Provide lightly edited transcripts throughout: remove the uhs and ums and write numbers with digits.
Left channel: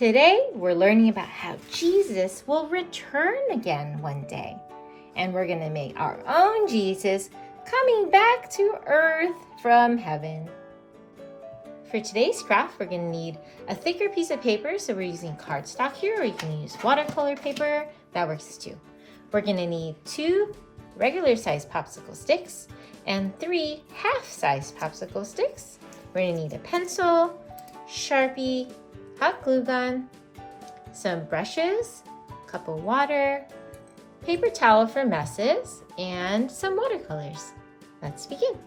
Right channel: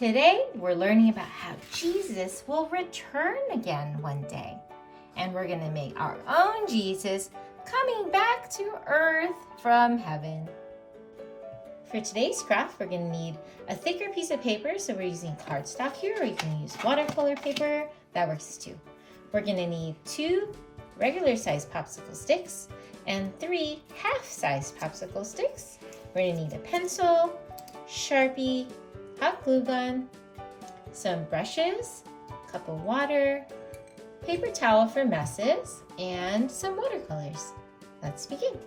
Today, we're learning about how Jesus will return again one day. And we're going to make our own Jesus coming back to earth from heaven. For today's craft, we're going to need a thicker piece of paper. So we're using cardstock here, or you can use watercolor paper. That works too. We're going to need 2 regular-sized popsicle sticks and 3 half-sized popsicle sticks. We're going to need a pencil, Sharpie, hot glue gun, some brushes, a cup of water, paper towel for messes, and some watercolors. Let's begin.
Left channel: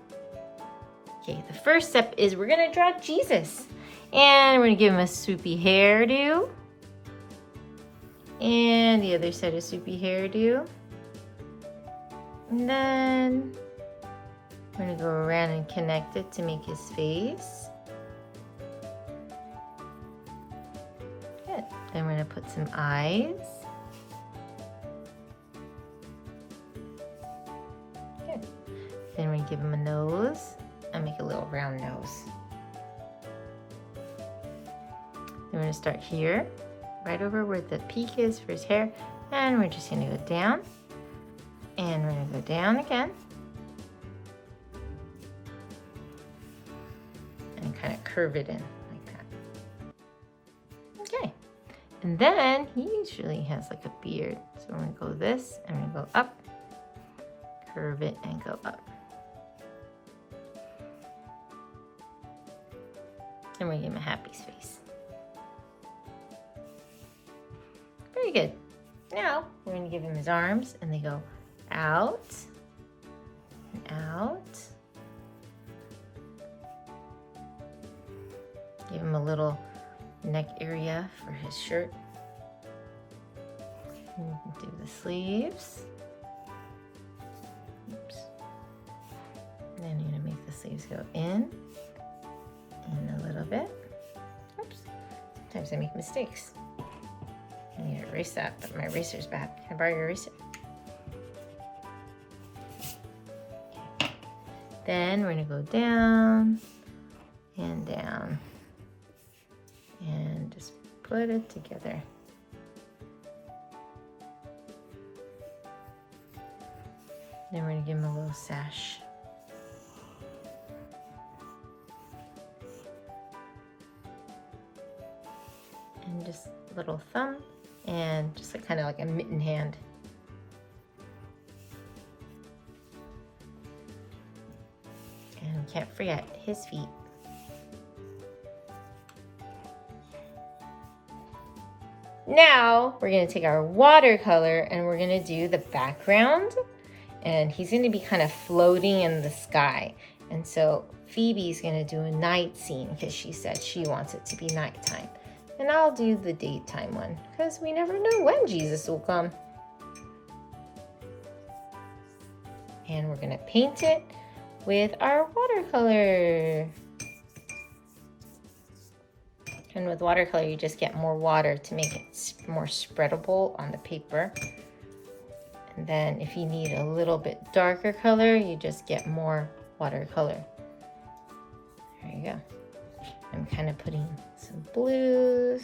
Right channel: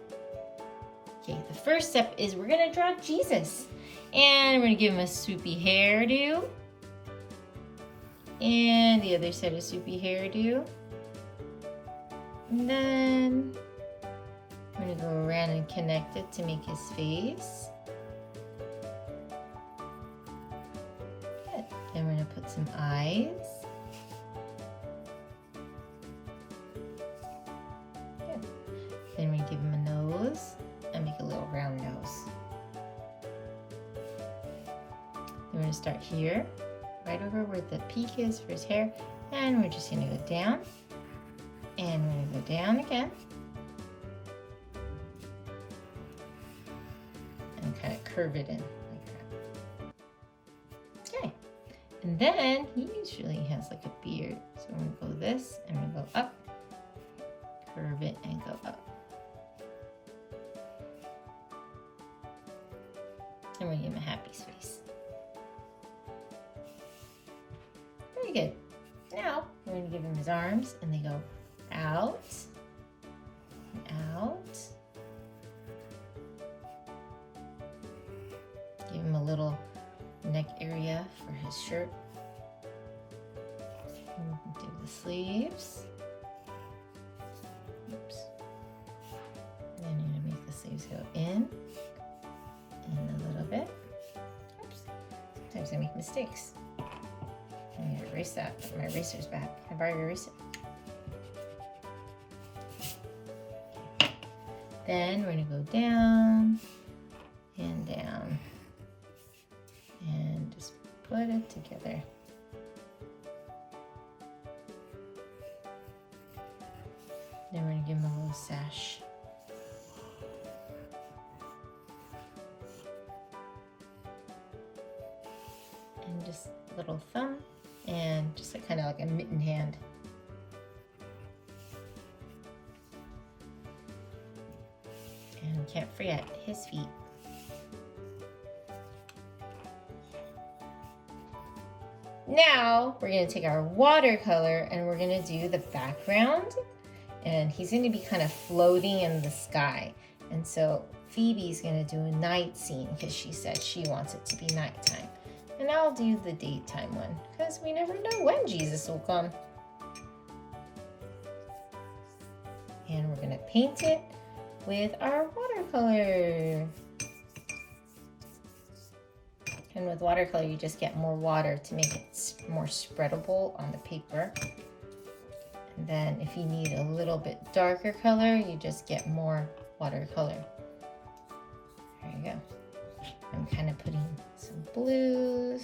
Okay, the first step is we're gonna draw Jesus. And we're gonna give him a swoopy hairdo. And the other side of swoopy hairdo. And then we're gonna go around and connect it to make his face. Then we're going to put some eyes. Good. Then we're going to give him a nose and make a little round nose. Then we're going to start here, right over where the peak is for his hair. And we're just going to go down. And we're going to go down again. And kind of curve it in. And then he usually has like a beard. So I'm gonna go this and I'm gonna go up, curve it and go up. And we're gonna give him a happy face. Very good. Now we're gonna give him his arms and they go out and out. Give him a little neck area for his shirt. And we can do the sleeves. Oops. And then you're gonna make the sleeves go in a little bit. Oops. Sometimes I make mistakes. I need to erase that, but my eraser's back. Can I borrow your eraser? Then we're gonna go down and down. And just put it together. Then we're going to give him a little sash. And just a little thumb and just kind of like a mitten hand. And can't forget his feet. Now we're going to take our watercolor and we're going to do the background, and he's going to be kind of floating in the sky. And so Phoebe's going to do a night scene because she said she wants it to be nighttime. And I'll do the daytime one because we never know when Jesus will come. And we're going to paint it with our watercolor. And with watercolor, you just get more water to make it more spreadable on the paper. And then if you need a little bit darker color, you just get more watercolor. There you go. I'm kind of putting some blues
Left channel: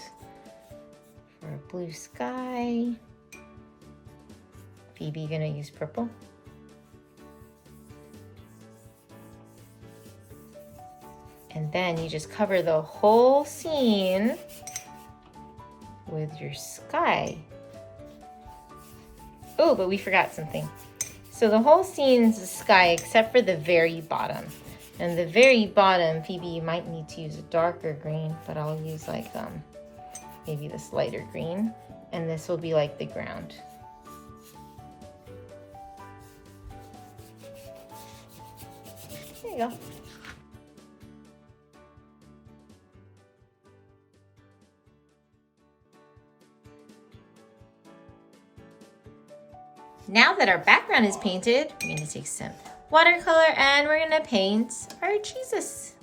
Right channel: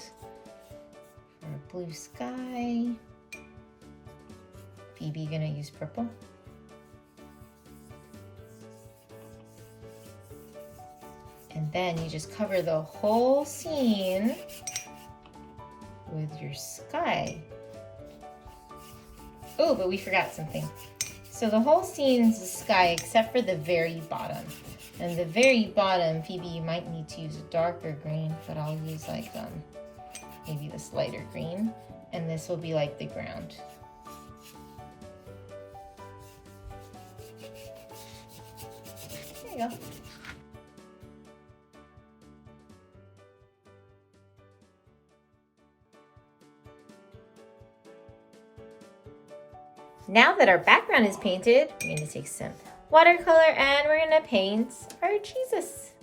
for a blue sky. Phoebe gonna use purple. And then you just cover the whole scene with your sky. Oh, but we forgot something. So the whole scene's the sky except for the very bottom. And the very bottom, Phoebe, you might need to use a darker green, but I'll use like maybe this lighter green. And this will be like the ground. There you go. Now that our background is painted, we're going to take some watercolor and we're going to paint our Jesus.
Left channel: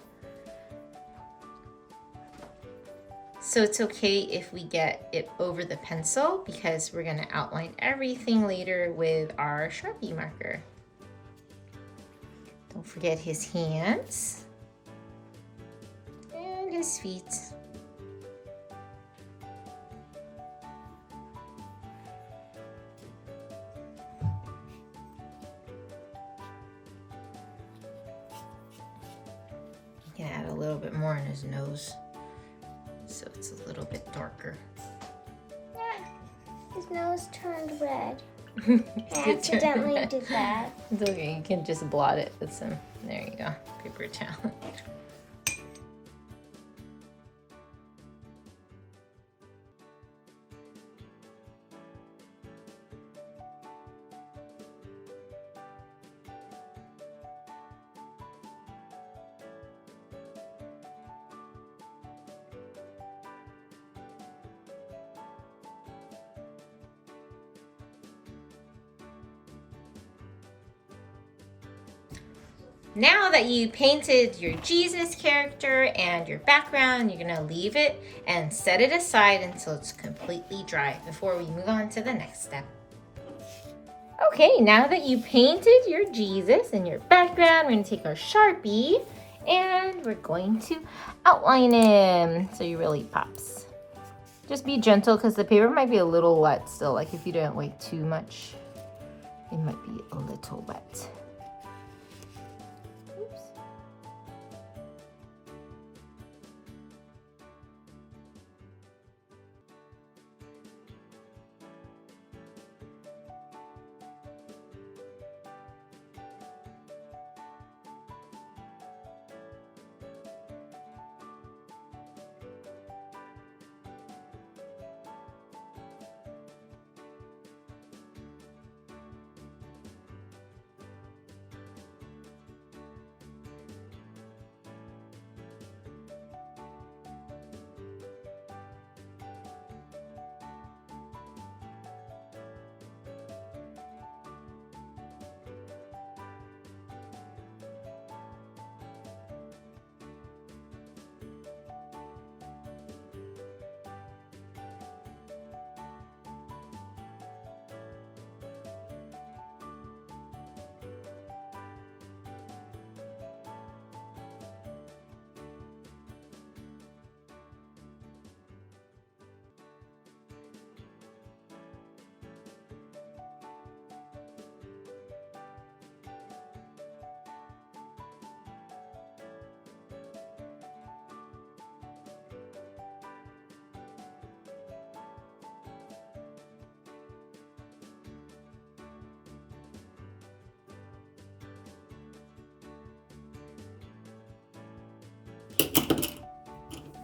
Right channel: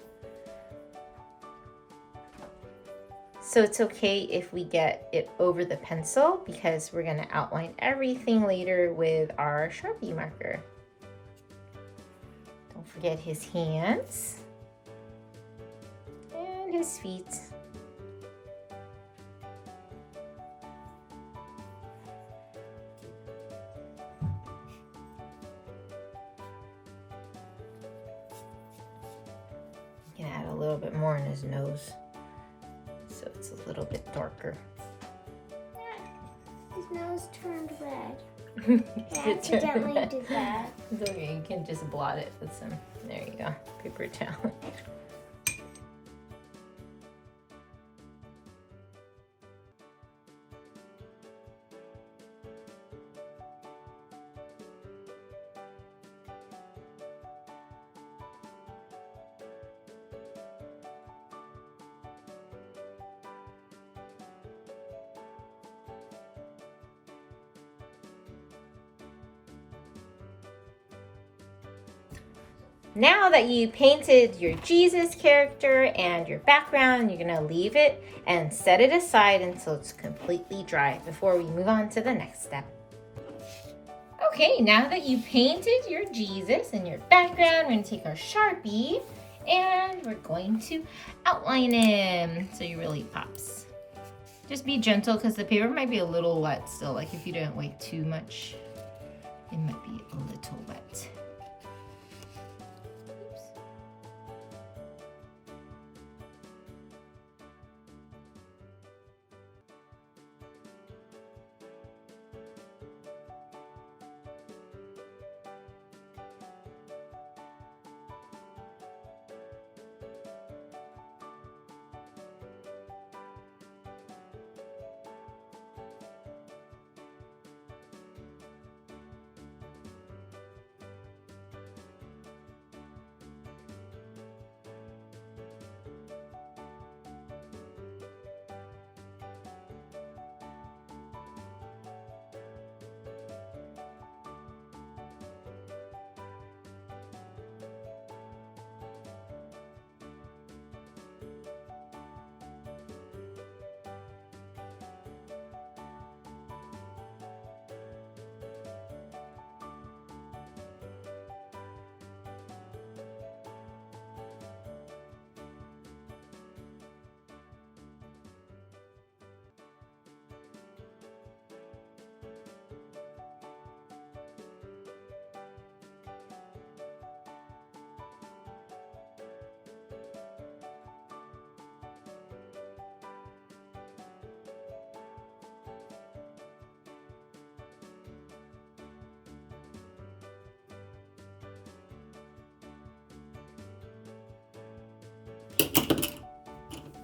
So it's okay if we get it over the pencil because we're going to outline everything later with our Sharpie marker. Don't forget his hands and his feet. little bit more in his nose. So it's a little bit darker. His nose turned red. I accidentally did that. It's okay, you can just blot it with some, there you go, paper towel. Now that you painted your Jesus character and your background, you're gonna leave it and set it aside until it's completely dry before we move on to the next step. Okay, now that you painted your Jesus and your background, we're gonna take our Sharpie and we're going to outline him so he really pops. Just be gentle because the paper might be a little wet still. Like if you don't wait too much, it might be a little wet.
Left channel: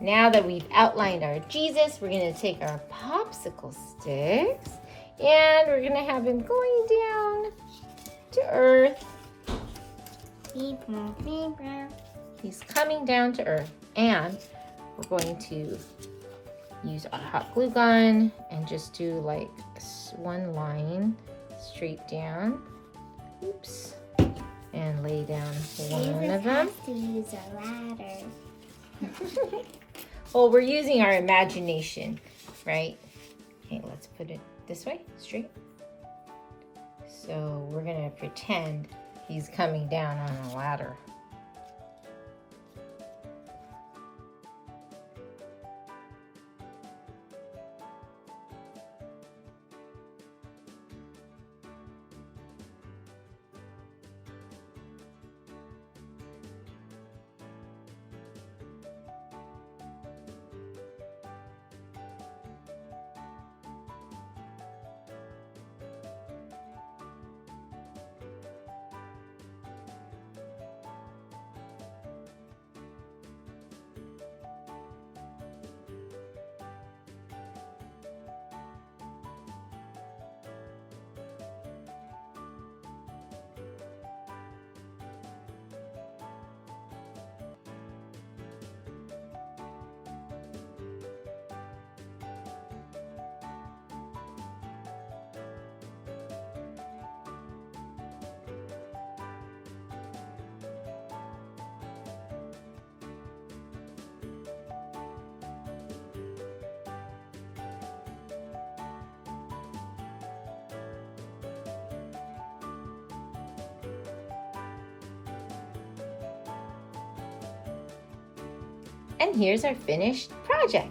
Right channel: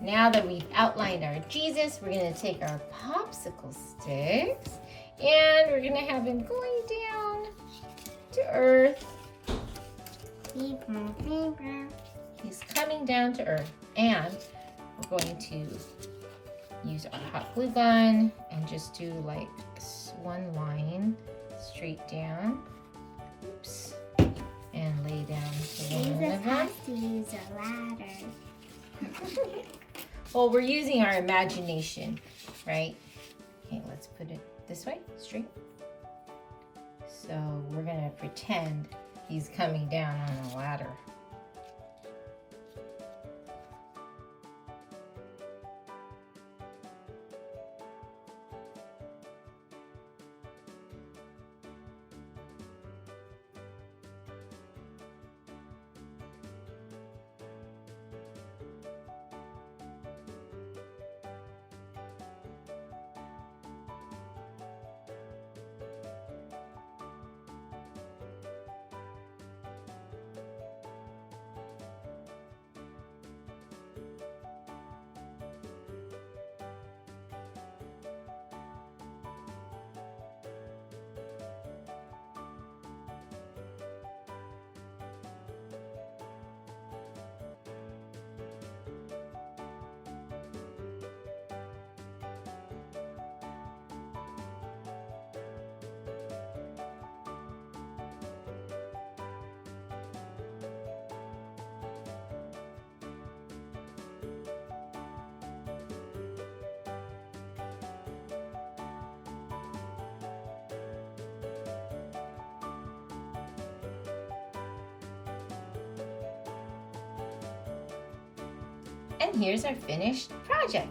Now that we've outlined our Jesus, we're going to take our popsicle sticks and we're going to have him going down to earth. He's coming down to earth, and we're going to use our hot glue gun and just do like one line straight down. Oops. And lay down one of them. To use a ladder. Well, we're using our imagination, right? Okay, let's put it this way, straight. So we're gonna pretend he's coming down on a ladder. And here's our finished project.